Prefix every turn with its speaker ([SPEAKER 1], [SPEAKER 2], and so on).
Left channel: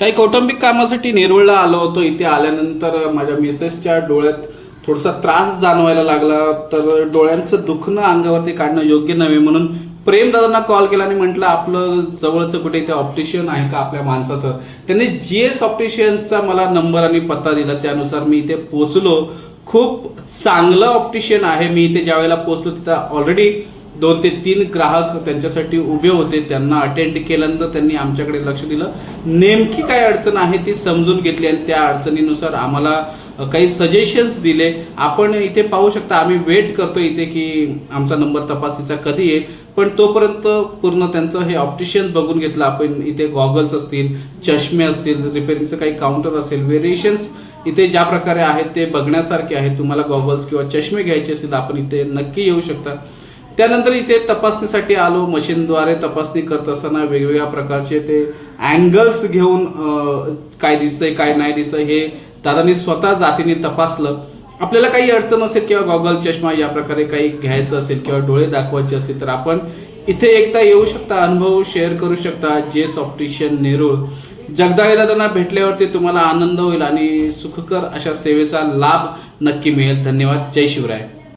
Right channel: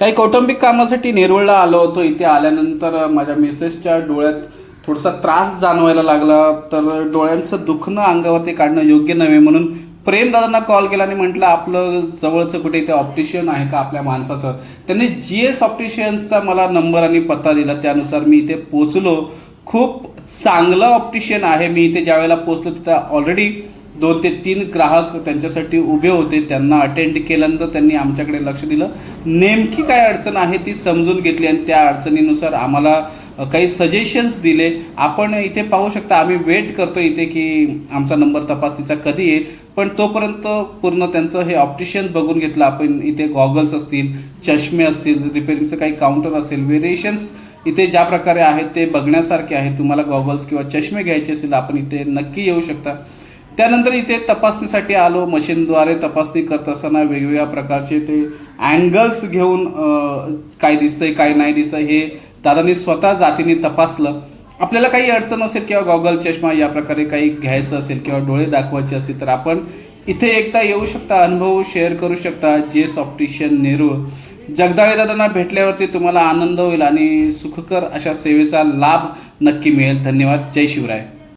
[SPEAKER 1] काही कौटुंबिक कामासाठी नेरवळला आलो होतो. इथे आल्यानंतर माझ्या मिसेसच्या डोळ्यात थोडासा त्रास जाणवायला लागला. तर डोळ्यांचं दुखणं अंगावरती काढणं योग्य नव्हे. म्हणून प्रेमदादांना कॉल केला आणि म्हटलं आपलं जवळचं कुठे इथे ऑप्टिशियन आहे का आपल्या माणसाचं? त्यांनी जी एस ऑप्टिशियन्सचा मला नंबर आणि पत्ता दिला. त्यानुसार मी इथे पोचलो खूप चांगलं ऑप्टिशियन आहे. मी इथे ज्या वेळेला पोचलो तिथं ऑलरेडी दोन ते तीन ग्राहक त्यांच्यासाठी उभे होते त्यांना अटेंड केल्यानंतर त्यांनी आमच्याकडे लक्ष दिलं. नेमकी काय अडचण आहे ती समजून घेतली आणि त्या अडचणीनुसार आम्हाला काही सजेशन्स दिले. आपण इथे पाहू शकता आम्ही वेट करतो इथे की आमचा नंबर तपासणीचा कधी येईल. पण तोपर्यंत पूर्ण त्यांचं हे ऑप्टिशियन्स बघून घेतलं. आपण इथे गॉगल्स असतील चष्मे असतील रिपेअरिंगचं काही काउंटर असेल व्हेरिएशन्स इथे ज्या प्रकारे आहेत ते बघण्यासारखे आहे तुम्हाला गॉगल्स किंवा चष्मे घ्यायचे असतील आपण इथे नक्की येऊ शकता. त्यानंतर इथे तपासणीसाठी आलो मशीनद्वारे तपासणी करत असताना वेगवेगळ्या प्रकारचे ते अँगल्स घेऊन काय दिसतंय काय नाही दिसतंय हे दादानी स्वतः जातीने तपासलं. आपल्याला काही अडचण असेल किंवा गॉगल चष्मा या प्रकारे काही घ्यायचं असेल किंवा डोळे दाखवायचे असेल तर आपण इथे एकदा येऊ शकता अनुभव शेअर करू शकता जे सॉफ्टिशियन नेरूळ जगदाळे दादांना भेटल्यावरती तुम्हाला आनंद होईल आणि सुखकर अशा सेवेचा लाभ नक्की मिळेल. धन्यवाद. जय शिवराय.